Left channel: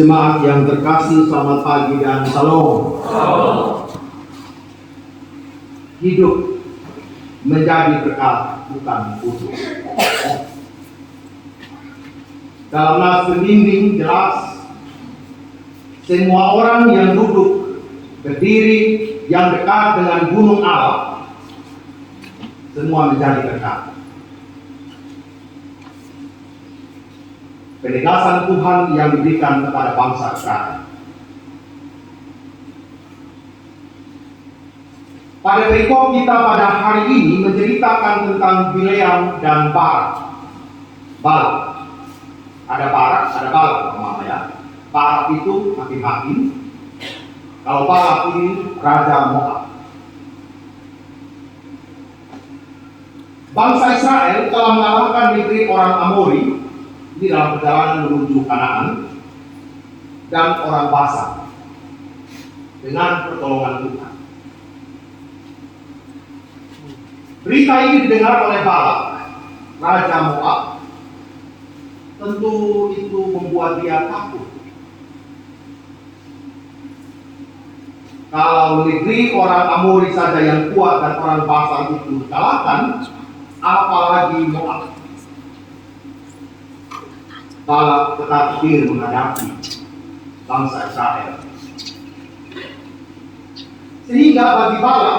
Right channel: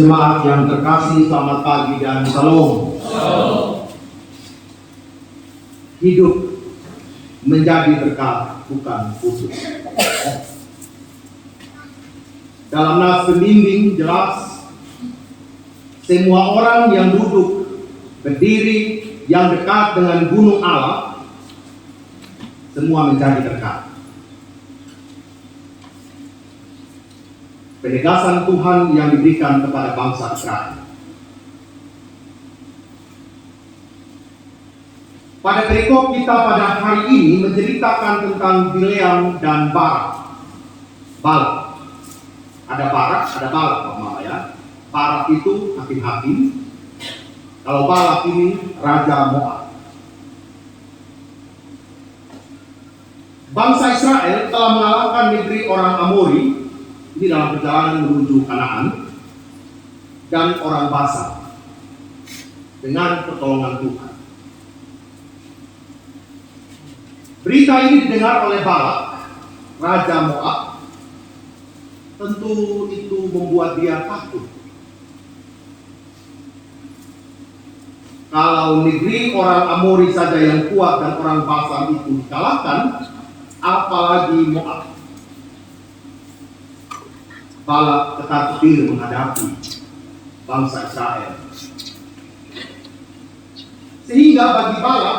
Jemaat yang terkasih, selamat pagi dan salam. Hidup menjadi berkat, bukan putus. Dalam nas pembimbing jelas, semua orang yang duduk berdiri yang dekat dengan gunung Allah, semua menjadi berkat. Penegasan Tuhan yang diberikan kepada bangsa Israel. Pada perikop kita pada hari ini menceritakan tentang Bileam dan Balak. Ada Barak, ada Balak, ya. Barak itu hakim-hakim. Kalau Balak ini raja Moab. Bangsa Israel telah mengalahkan negeri orang Amori di dalam perjalanan menuju Kanaan dan orang Basan dengan pertolongan Tuhan. Berita ini didengar oleh Balak, raja Moab. Tentu itu membuat dia takut. Kalau negeri orang Amori saja yang kuat dan orang Basan itu dikalahkan, apalagi Moab. Balak tetap hadir menghadapi bangsa Israel. Sehingga bagi Balak,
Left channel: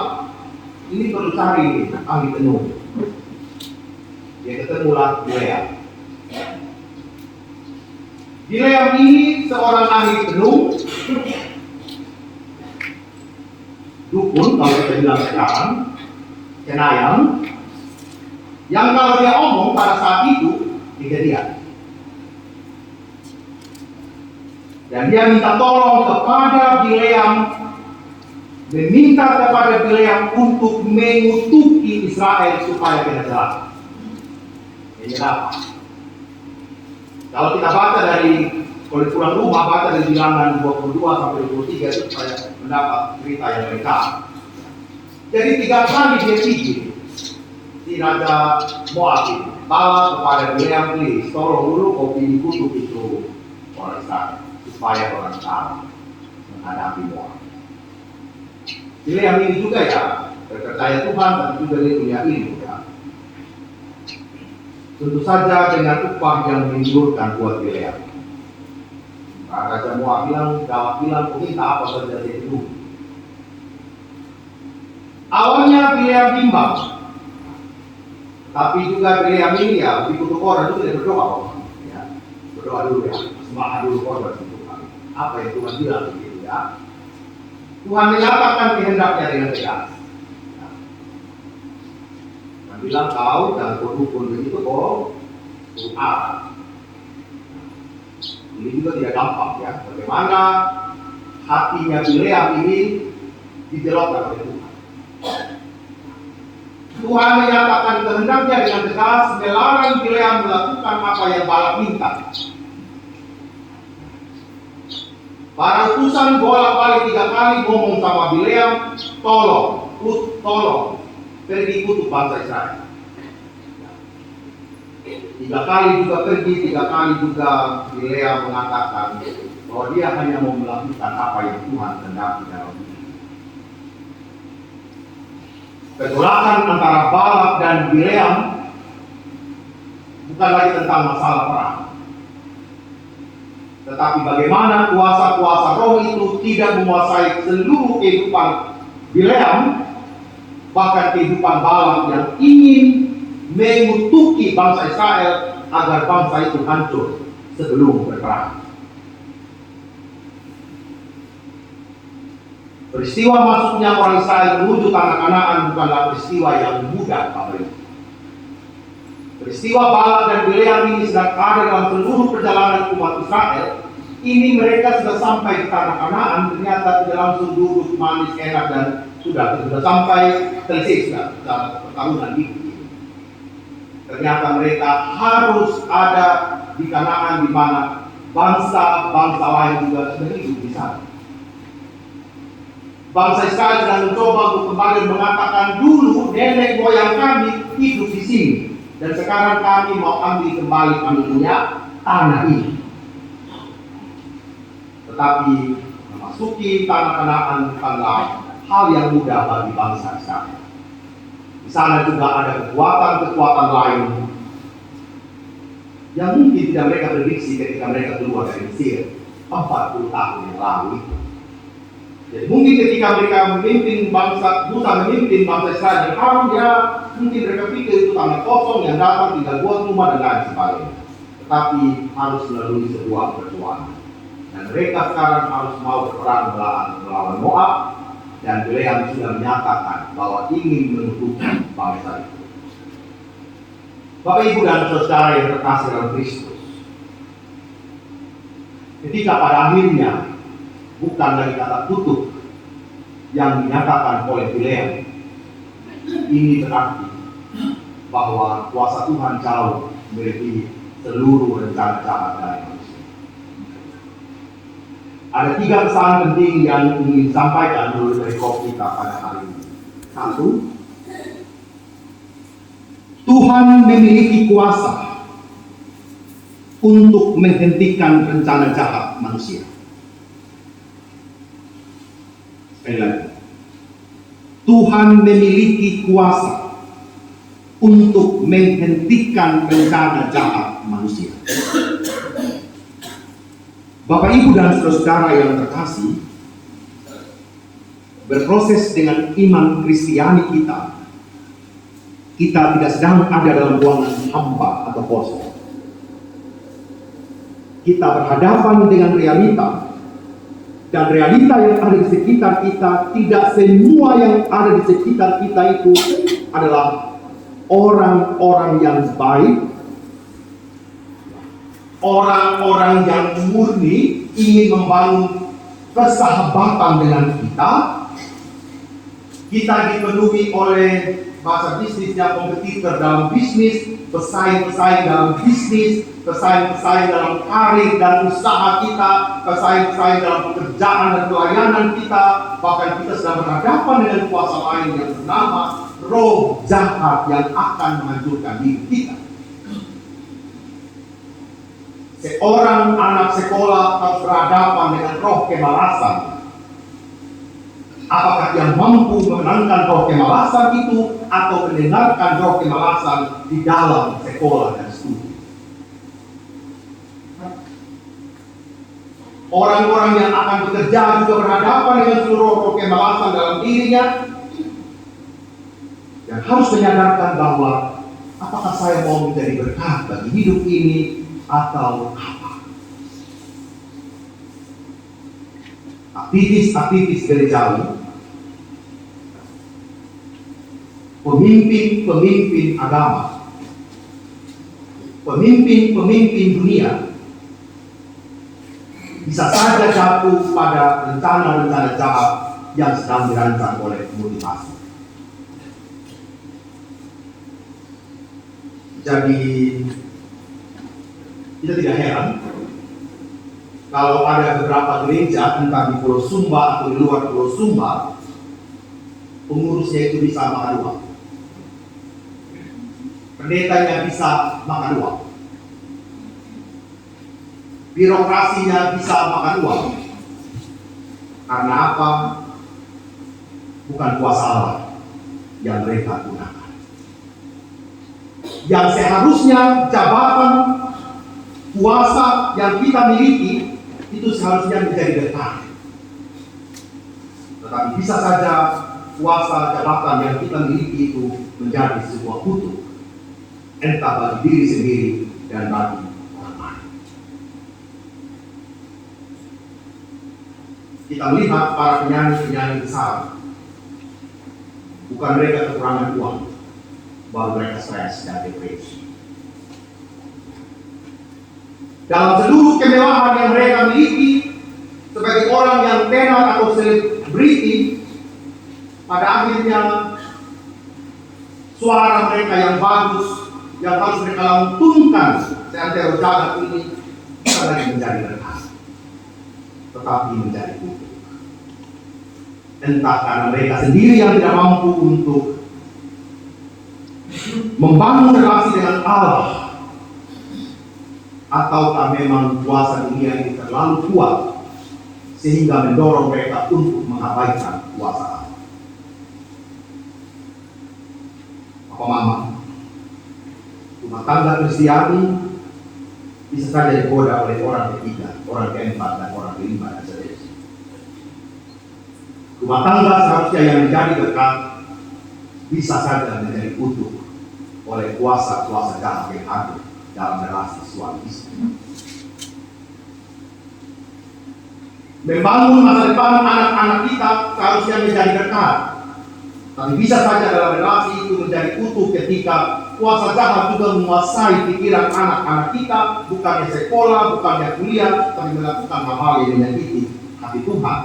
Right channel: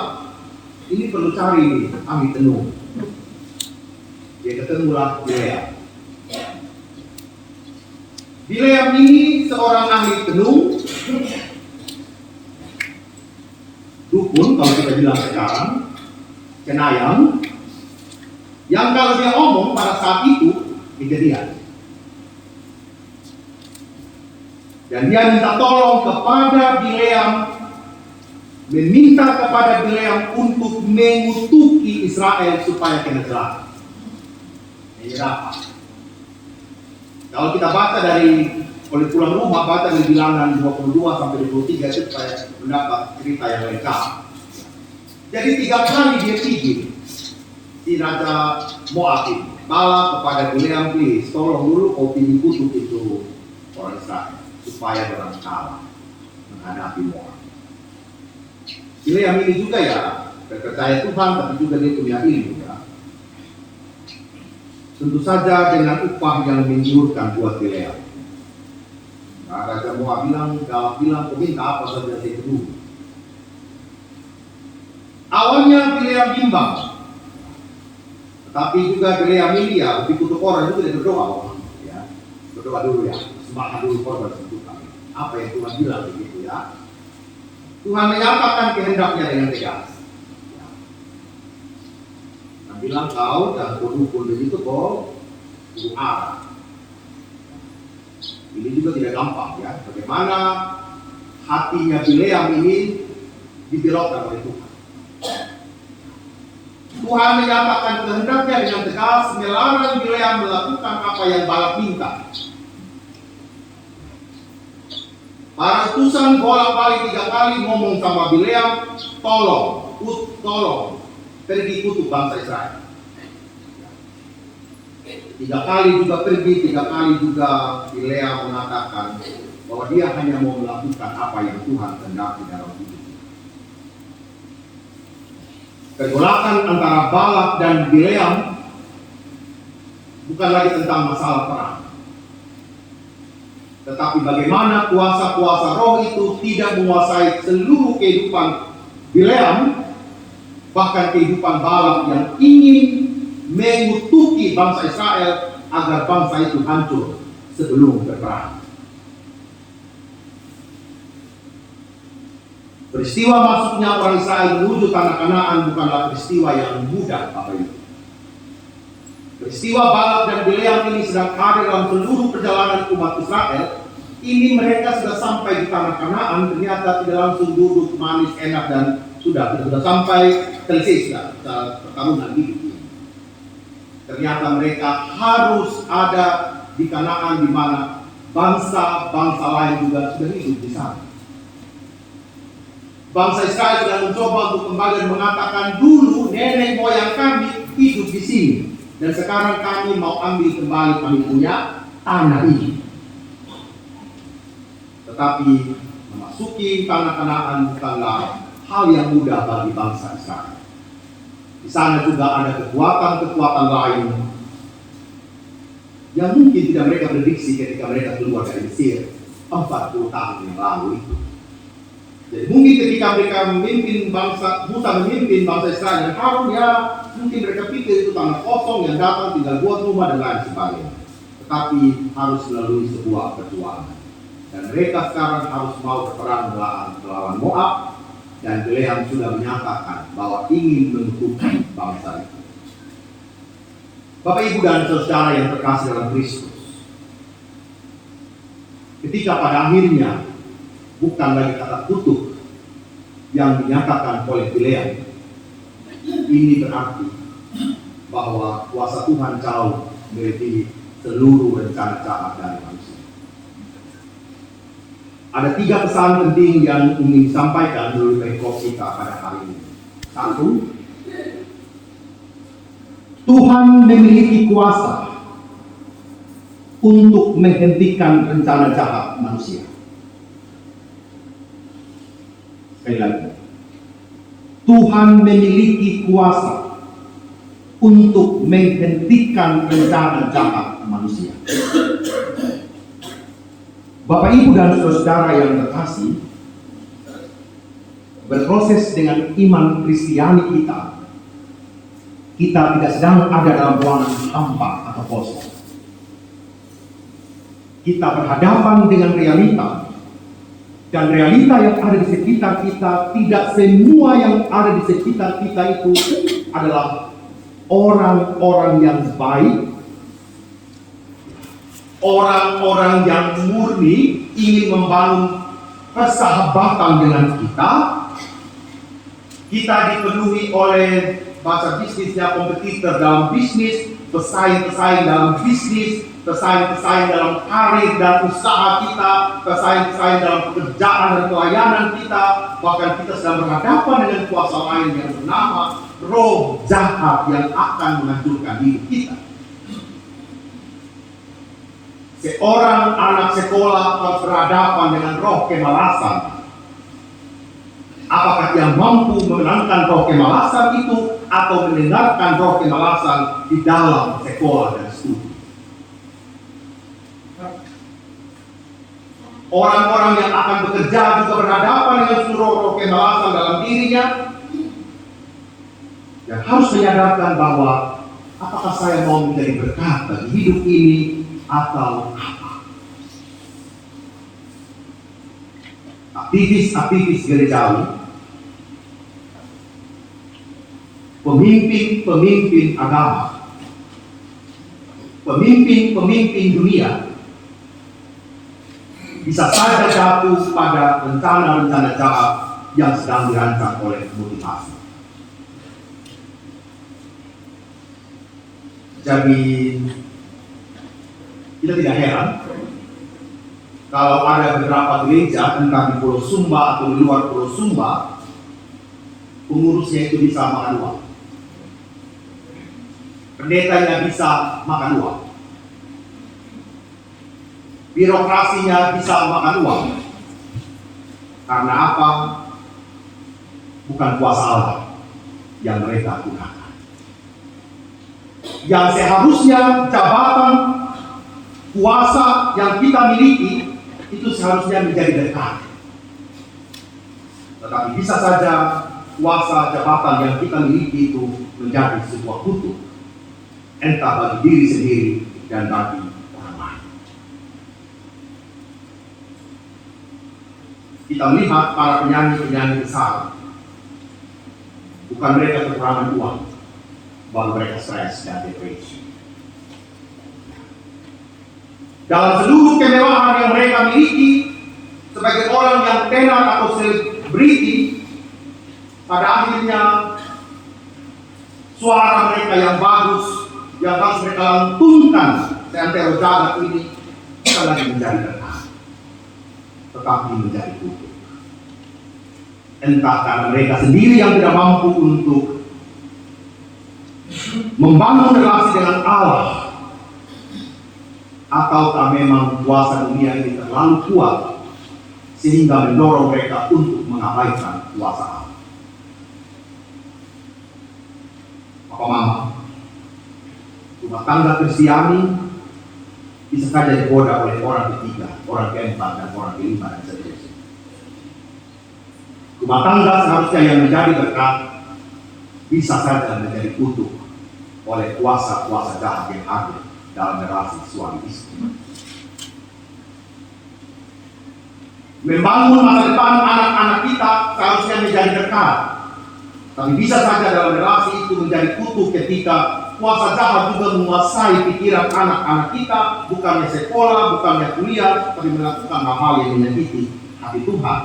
ini perlu cari ahli tenung. Dia ketemulah Bileam. Bileam ini seorang ahli tenung, dukun kalau kita bilang sekarang, cenayang, yang kalau dia omong pada saat itu kejadian. Dan dia minta tolong kepada Bileam, meminta kepada Bileam untuk mengutuki Israel supaya kena selamat. Ini apa? Kalau kita baca dari, kalau pulang rumah baca dari Bilangan 22 sampai 23 itu supaya mendapat cerita yang lengkap. Jadi 3 kali dia pergi si Raja Moab ini, Balak kepada Bileam, please tolong dulu kau pilih kutuk itu orang Israel supaya orang Israel menghadapi Moab. Bileam ini juga ya percaya Tuhan, tapi juga dia punya ilmu ya. Tentu saja dengan upah yang menggiurkan buat Bileam. Nah, Raja Moab bilang, Balak bilang, kau minta apa saja dia penuhi. Awalnya Bileam bimbang, tapi juga Bileam ini ya dikutuk orang juga dia berdoa. Ya, berdoa dulu ya, sembah dulu kepada Tuhan. Apa yang Tuhan bilang begitu ya. Tuhan menyatakan kehendaknya dengan tegas. Dan bilang kau dan kau itu kau Allah. Ini juga tidak gampang ya. Bagaimana hatinya Bileam ini dibelokkan oleh Tuhan. Tuhan menyatakan kehendaknya dengan tegas, melarang Bileam melakukan apa yang Balak minta. Para utusan bolak-balik 3 kali ngomong sama Bileam, tolong, pergi kutuk bangsa Israel. 3 kali juga pergi, 3 kali juga Bileam mengatakan bahwa dia hanya mau melakukan apa yang Tuhan kehendaki dalam hidup. Kegolakan antara Balak dan Bileam bukan lagi tentang masalah perang, tetapi bagaimana kuasa-kuasa roh itu tidak menguasai seluruh kehidupan Bileam, bahkan kehidupan Balak yang ingin mengutuki bangsa Israel agar bangsa itu hancur sebelum berperang. Peristiwa masuknya orang Israel menuju tanah Kanaan bukanlah peristiwa yang mudah, Bapak Ibu. Peristiwa Balak dan Bileam ini sedang ada dalam seluruh perjalanan umat Israel. Ini mereka sudah sampai di tanah Kanaan, ternyata tidak langsung duduk manis enak dan sudah sampai selesai pertarungan hidup. Ternyata mereka harus ada di Kanaan, di mana bangsa-bangsa lain juga sudah hidup di sana. Bangsa Israel sedang mencoba untuk kembali mengatakan dulu nenek moyang kami hidup di sini. Dan sekarang kami mau ambil kembali kami punya tanah ini. tetapi memasuki tanah Kanaan bukanlah hal yang mudah bagi bangsa Israel. Di sana juga ada kekuatan-kekuatan lain yang mungkin tidak mereka prediksi ketika mereka keluar dari Mesir 40 tahun yang lalu itu. Jadi mungkin ketika mereka memimpin bangsa Israel dan Harun, ya mungkin mereka pikir itu tanah kosong yang datang tinggal buat rumah dan lain sebagainya. Tetapi harus melalui sebuah perjuangan. Dan mereka sekarang harus mau berperang melawan Moab, dan Bileam sudah menyatakan bahwa ingin menentukan bangsa itu. Bapak Ibu dan saudara yang terkasih dalam Kristus, ketika pada akhirnya bukan lagi kata kutuk yang dinyatakan oleh Bileam, ini berarti bahwa kuasa Tuhan jauh melebihi seluruh rencana jahat dari manusia. Ada 3 pesan penting yang ingin disampaikan melalui perikop kita pada hari ini. 1, Tuhan memiliki kuasa untuk menghentikan rencana jahat manusia. Sekali lagi, Tuhan memiliki kuasa untuk menghentikan rencana jahat manusia. Bapak Ibu dan saudara yang terkasih, berproses dengan iman Kristiani kita tidak sedang ada dalam ruangan hampa atau kosong. Kita berhadapan dengan realita, dan realita yang ada di sekitar kita, tidak semua yang ada di sekitar kita itu adalah orang-orang yang baik, orang-orang yang murni ingin membangun persahabatan dengan kita. Kita dipenuhi oleh bahasa bisnisnya kompetitor dalam bisnis, pesaing-pesaing dalam bisnis, pesaing-pesaing dalam karir dan usaha kita, pesaing-pesaing dalam pekerjaan dan pelayanan kita. Bahkan kita sedang berhadapan dengan kuasa lain yang bernama roh jahat yang akan menghancurkan hidup kita. Seorang anak sekolah harus berhadapan dengan roh kemalasan. Apakah dia mampu memenangkan roh kemalasan itu atau mendengarkan roh kemalasan di dalam sekolah dan studi? Orang-orang yang akan bekerja juga berhadapan dengan seluruh roh kemalasan dalam dirinya, yang harus menyadarkan bahwa apakah saya mau menjadi berkat bagi hidup ini atau apa? Aktivis-aktivis gerejawi, pemimpin-pemimpin agama, pemimpin-pemimpin dunia bisa saja jatuh pada rencana-rencana jahat yang sedang dirancang oleh motivasi. Jadi kita tidak heran kalau ada beberapa gereja, entah di Pulau Sumba atau di luar Pulau Sumba, pengurusnya itu bisa makan uang, pendetanya bisa makan uang, birokrasinya bisa makan uang. Karena apa? Bukan kuasa Allah yang mereka gunakan. Yang seharusnya jabatan kuasa yang kita miliki itu seharusnya menjadi berkat. Tetapi bisa saja kuasa jabatan yang kita miliki itu menjadi sebuah kutuk, entah bagi diri sendiri dan bagi orang lain. Kita melihat para penyanyi-penyanyi besar, bukan mereka kekurangan uang, bahwa mereka stres dan depresi. Dalam seluruh kemewahan yang mereka miliki, sebagai orang yang tenar atau selebriti, pada akhirnya suara mereka yang bagus, yang harus mereka lantunkan seantero jagat ini, bukan lagi menjadi berkah, tetapi menjadi kutuk. Entah karena mereka sendiri yang tidak mampu untuk membangun relasi dengan Allah, ataukah memang kuasa dunia ini terlalu kuat sehingga mendorong mereka untuk mengabaikan kuasa Allah. Papa Mama, rumah tangga Kristiani bisa saja digoda oleh orang ketiga, orang keempat, dan orang kelima, dan seterusnya. Rumah tangga seharusnya yang menjadi berkat bisa saja menjadi kutuk oleh kuasa-kuasa jahat yang ada dalam relasi suami istri. Membangun masa depan anak-anak kita seharusnya menjadi berkat, tapi bisa saja dalam relasi itu menjadi kutuk ketika kuasa jahat juga menguasai pikiran anak-anak kita, bukannya sekolah, bukannya kuliah, tapi melakukan hal-hal yang menyakiti hati Tuhan.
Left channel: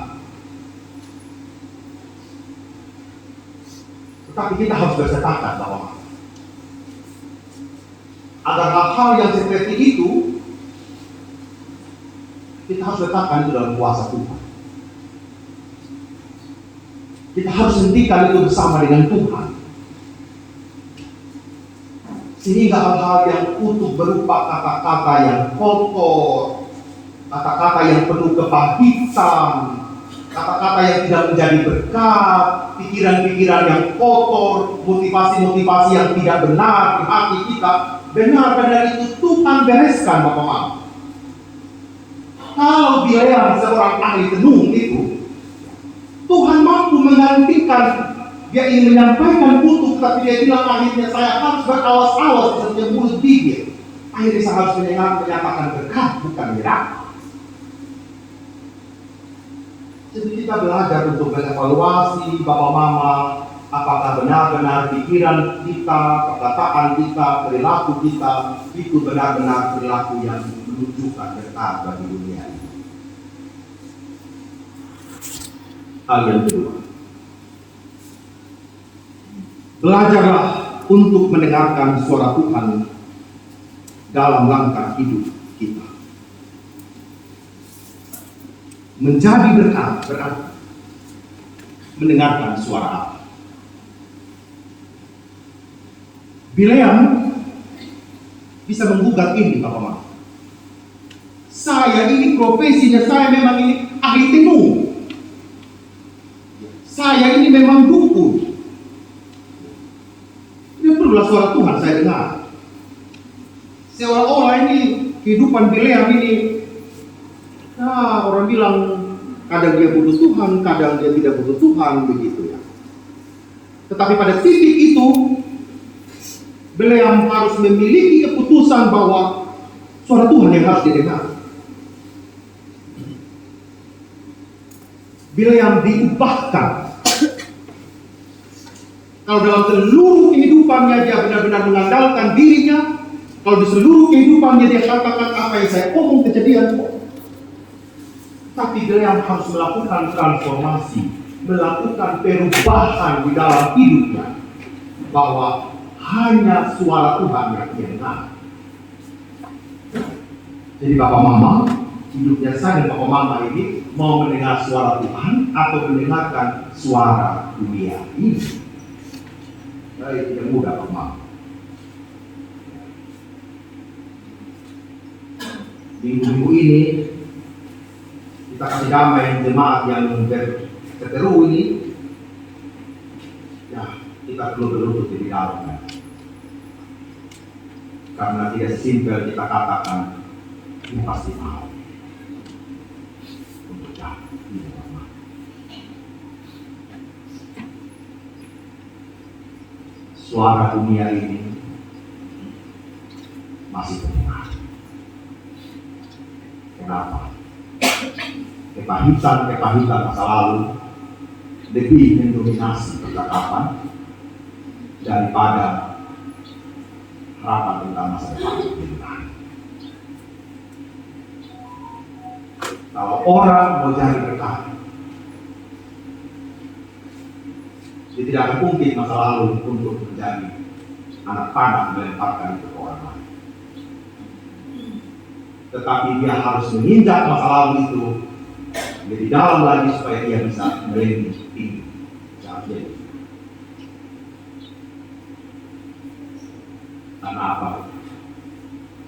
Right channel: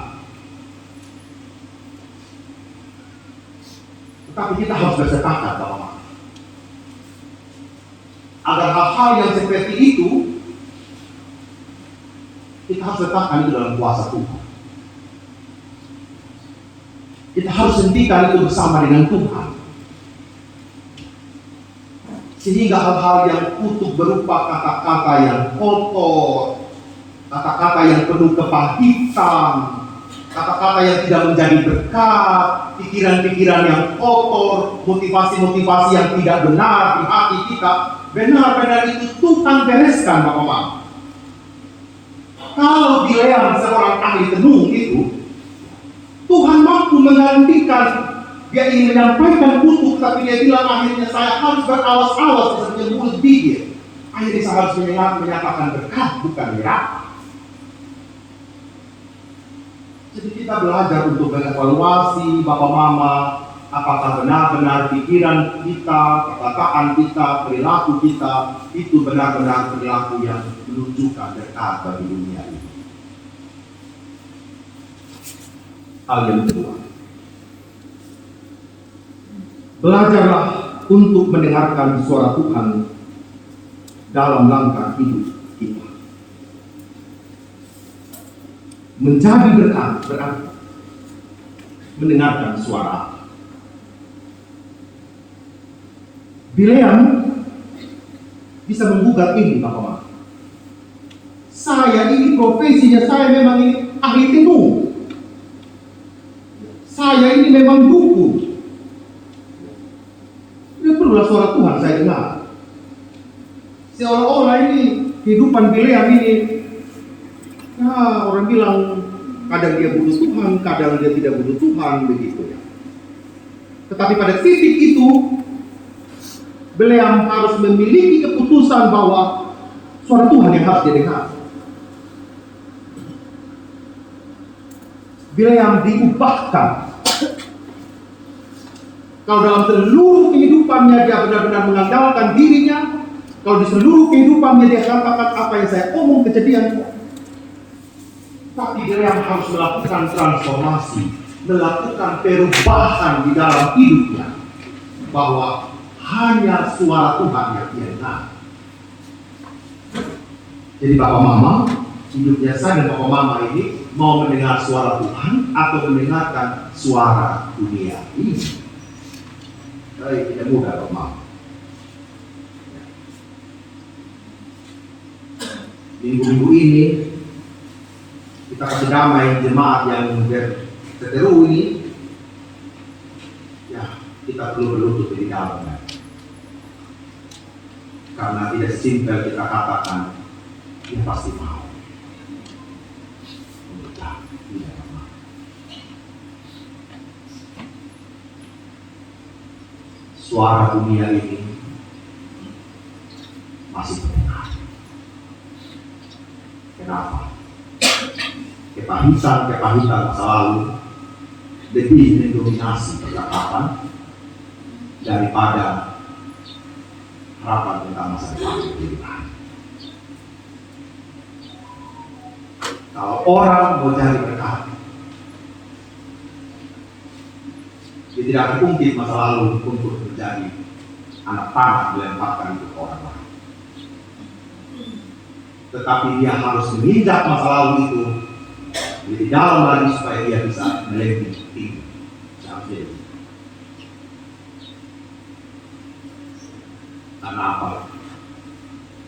Tetapi kita harus bersepakat bahwa agar hal-hal yang seperti itu, kita harus letakkan itu dalam kuasa Tuhan. Kita harus hentikan itu bersama dengan Tuhan. Sehingga hal-hal yang kutuk berupa kata-kata yang kotor, kata-kata yang penuh kepahitan, kata-kata yang tidak menjadi berkat, pikiran-pikiran yang kotor, motivasi-motivasi yang tidak benar di hati kita, benar-benar itu Tuhan bereskan, Bapak Mama. Kalau Bileam seorang ahli tenung itu, Tuhan mampu menggantikan. Dia ingin menyampaikan kutuk, tapi dia bilang akhirnya saya harus berawas-awas di setiap mulut bibir. Akhirnya saya harus menyatakan berkat, bukan neraka. Jadi kita belajar untuk mengevaluasi Bapak Mama, apakah benar-benar pikiran kita, perkataan kita, perilaku kita itu benar-benar perilaku yang menunjukkan berkat bagi dunia ini. Hal yang kedua, belajarlah untuk mendengarkan suara Tuhan dalam langkah hidup kita. Menjadi berkat berarti mendengarkan suara Allah. Bileam bisa menggugat ini, Bapak Mama. Saya ini profesinya, saya memang ini ahli tenung. Saya ini memang dukun. Tidak perlulah suara Tuhan saya dengar. Seolah-olah ini kehidupan Bileam ini, orang bilang kadang dia butuh Tuhan, kadang dia tidak butuh Tuhan, begitu ya. Tetapi pada titik itu, Bileam harus memiliki keputusan bahwa suara Tuhan yang harus didengar. Bileam diupahkan. Kalau dalam seluruh kehidupannya dia benar-benar mengandalkan dirinya, kalau di seluruh kehidupannya dia katakan apa yang saya omong kejadian, tapi Bileam harus melakukan transformasi, melakukan perubahan di dalam hidupnya, bahwa hanya suara Tuhan yang dia dengar. Jadi Bapak Mama, hidupnya saya dan Bapak Mama ini mau mendengar suara Tuhan atau mendengarkan suara dunia ini. Baik, tidak mudah Bapak Mama. Minggu-minggu ini kita kasih damai jemaat yang terteru ini, ya kita perlu berlutut di dalamnya. Karena tidak simpel kita katakan ini pasti mau. Suara dunia ini masih terdengar. Kenapa? Kepahitan masa lalu lebih mendominasi percakapan daripada harapan kita masa depan kita. Kalau orang mau jadi berkat, dia tidak akan mungkin masa lalu untuk menjadi anak panah melemparkan untuk orang lain. Tetapi dia harus menginjak masa lalu itu lebih dalam lagi supaya dia bisa melewati tinggi. Karena apa?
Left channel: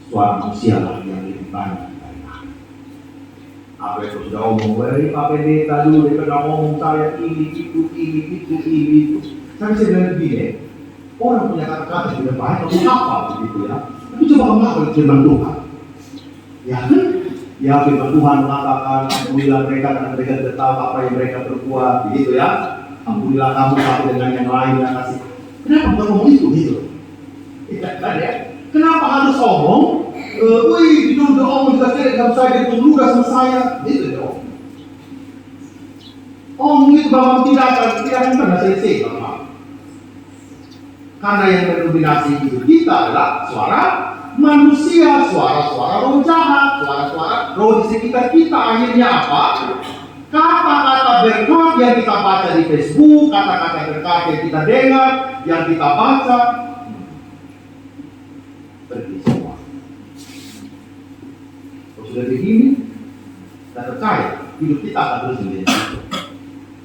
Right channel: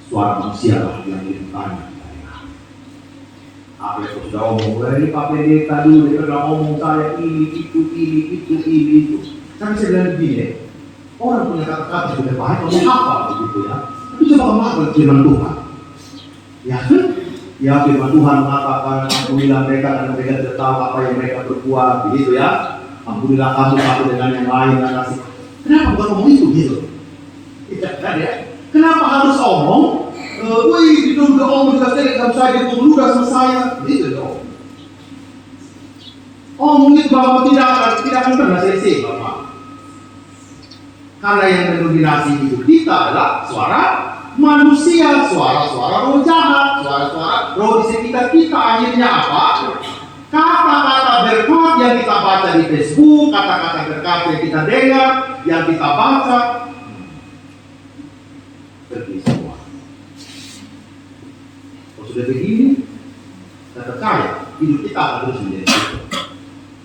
Suara manusia yang lebih banyak dari Apa yang sudah ngomong, wah Pak Pendeta dulu, dia pernah ngomong saya ini, itu. Tapi saya bilang begini, orang punya kata-kata sudah baik, ngomong apa gitu ya. Tapi coba kemarin firman Tuhan. Ya firman Tuhan mengatakan, alhamdulillah mereka karena mereka tidak tahu apa yang mereka berbuat, gitu ya. Alhamdulillah kamu satu dengan yang lain yang kasih. Kenapa bukan ngomong itu gitu? Tidak kan ya? Kenapa harus ngomong? Wih, itu udah ngomong juga kamu saja itu udah selesai, gitu dong. Ngomong itu bahwa tidak akan pernah selesai, Bapak. Karena yang mendominasi itu kita adalah suara manusia, suara-suara roh jahat, suara-suara roh di sekitar kita. Akhirnya apa? Kata-kata berkat yang kita baca di Facebook, kata-kata berkat yang kita dengar, yang kita baca, pergi semua. Kalau sudah begini, saya percaya hidup kita akan terus menjadi.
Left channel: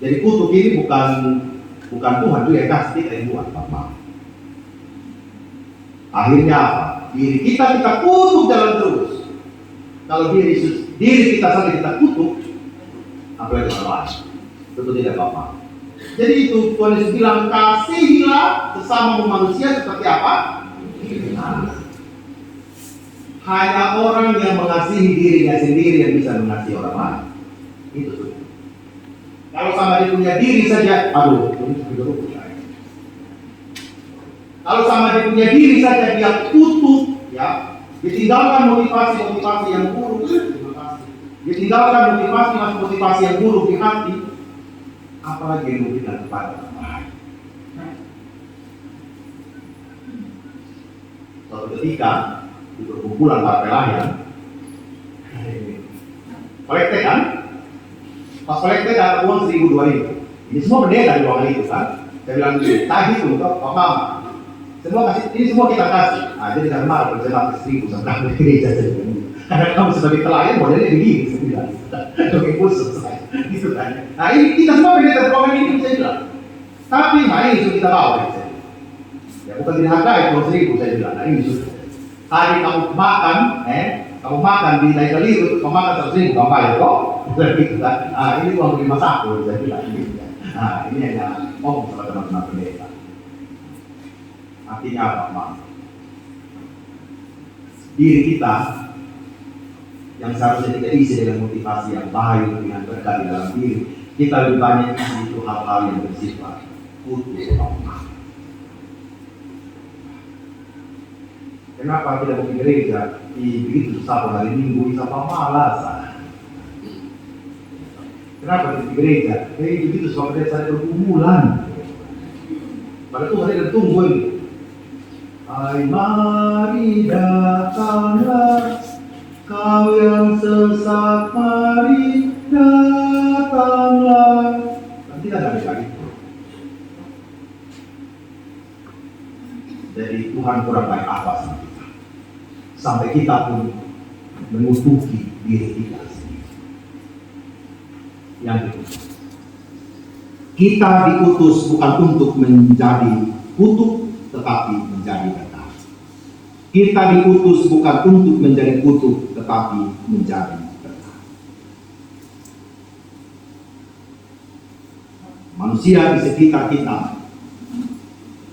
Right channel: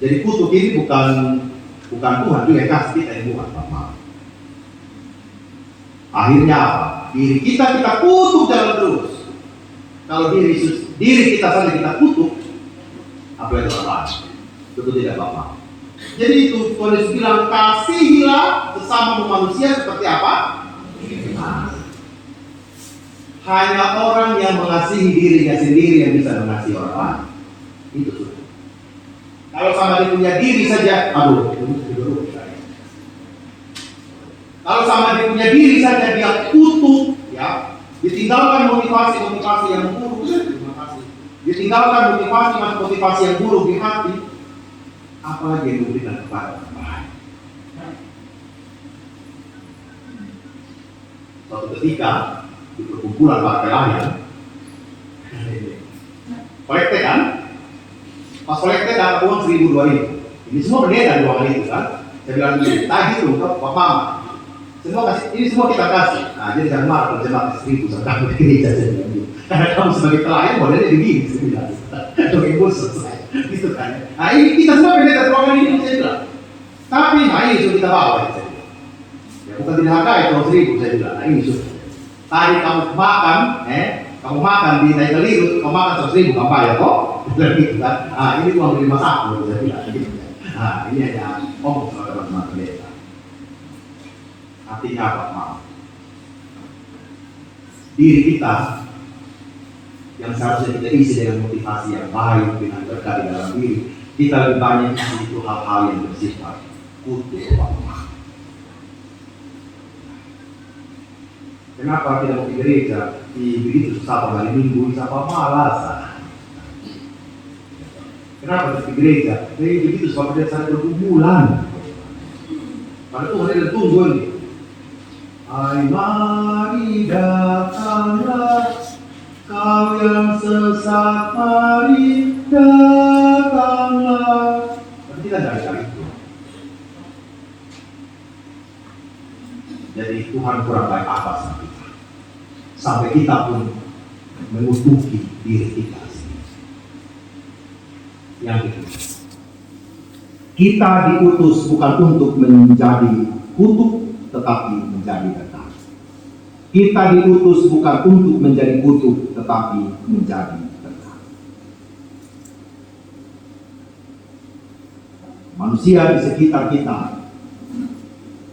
Jadi kutuk ini bukan Tuhan juga yang kasih kita yang buat, Bapak. Akhirnya apa? Diri kita kutuk jalan terus. Kalau diri kita saja kita kutuk, apalagi orang lain. Betul tidak Bapak? Jadi itu Tuhan Yesus bilang, kasihilah sesama manusia seperti apa? Hanya orang yang mengasihi dirinya sendiri yang bisa mengasihi orang lain. Itu sudah. Kalau sama dia punya diri saja, kalau sama dia punya diri saja dia kutuk, ya, ditinggalkan motivasi yang buruk, ditinggalkan motivasi yang buruk di hati, apalagi yang memberikan kepada orang lain. Suatu ketika di perkumpulan para pelayan, kolekte kan? Pas kolekte dapat uang 1.000-2.000. Ini semua berbeda di uang itu kan? Saya bilang begini, tadi itu Bapak, semua kasih, ini semua kita kasih. Nah, jadi jangan marah kalau saya pakai 1.000 sama takut gereja saya bilang gitu. Karena kamu sebagai pelayan modelnya begini, saya bilang. Oke, khusus saya, gitu kan? Nah, ini kita semua berbeda ruangan ini, saya bilang. Tapi, nah ini sudah kita bawa, saya bilang. Ya, bukan tidak hargai uang 1.000, saya bilang. Nah, ini sudah. Hari kamu makan di naik keliru, kamu makan 100.000, kamu bayar kok, bukan gitu kan? Ah, ini uang beli masak, saya bilang. Gitu. Nah, ini hanya ngomong sama teman-teman pendeta. Artinya apa, maaf? Diri kita yang seharusnya kita isi dengan motivasi yang baik, dengan berkat di dalam diri, kita lebih banyak isi itu hal-hal yang bersifat kutuk atau maaf. Kenapa tidak mau di gereja? Begitu susah hari Minggu, bisa malas. Kenapa di gereja? Begitu sebabnya saya pergumulan. Pada Tuhan ini tunggu ini. Hai mari datanglah, kau yang sesat mari datanglah. Tapi tidak ada lagi. Jadi Tuhan kurang baik apa sama kita? Sampai kita pun mengutuki diri kita sendiri. Yang kedua, kita diutus bukan untuk menjadi kutuk, tetapi menjadi berkat. Kita diutus bukan untuk menjadi kutuk, tetapi menjadi berkat. Manusia di sekitar kita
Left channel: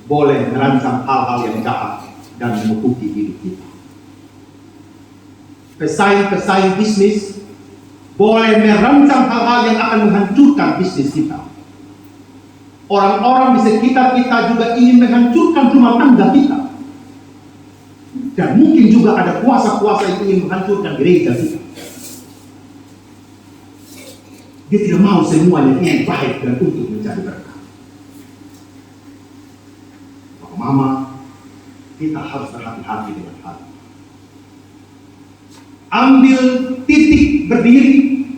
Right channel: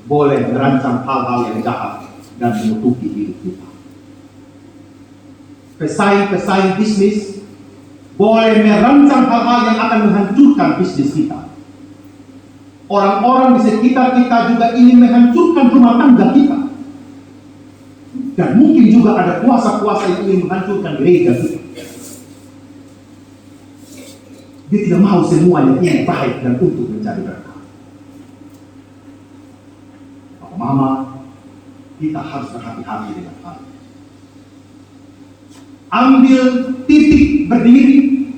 boleh merancang hal-hal yang jahat dan mengutuki hidup kita. Pesaing bisnis boleh merancang hal-hal yang akan menghancurkan bisnis kita. Orang-orang di sekitar kita juga ingin menghancurkan rumah tangga kita. Dan mungkin juga ada kuasa-kuasa yang ingin menghancurkan gereja kita. Dia tidak mau semuanya ini baik dan untuk menjadi berkat. Mama, kita harus berhati-hati dengan hal. Ambil titik berdiri.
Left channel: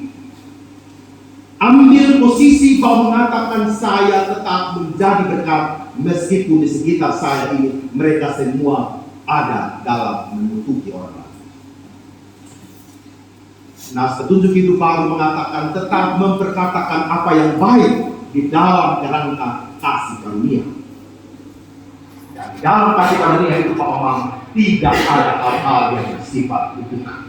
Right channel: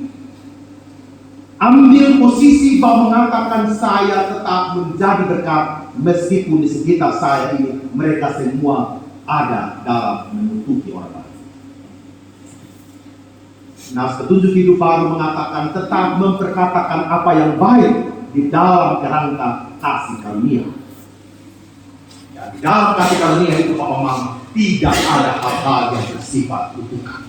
Ambil posisi bahwa mengatakan saya tetap menjadi berkat meskipun di sekitar saya ini mereka semua ada dalam menutupi orang lain. Nah, petunjuk hidup baru mengatakan tetap memperkatakan apa yang baik di dalam kerangka kasih karunia. Dan di dalam kasih karunia itu Papa Mama tidak ada hal-hal yang bersifat kutukan.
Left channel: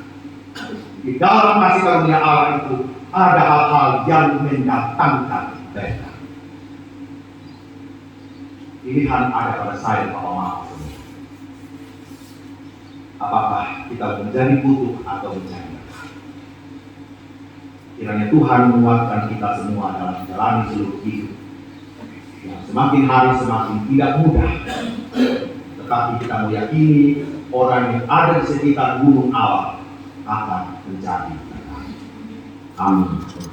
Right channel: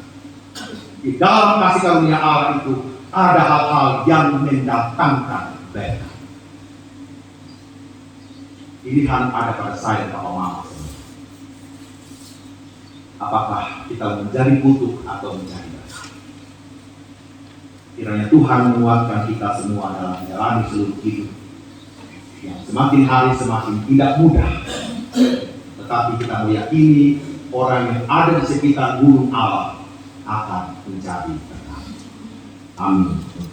Di dalam kasih karunia Allah itu ada hal-hal yang mendatangkan berkat. Pilihan ada pada saya apa mau. Apakah kita menjadi butuh atau mencari berkat? Kiranya Tuhan menguatkan kita semua dalam menjalani seluruh hidup yang semakin hari semakin tidak mudah. Tetapi kita meyakini orang yang ada di sekitar gunung Allah akan menjadi berkat. Amin.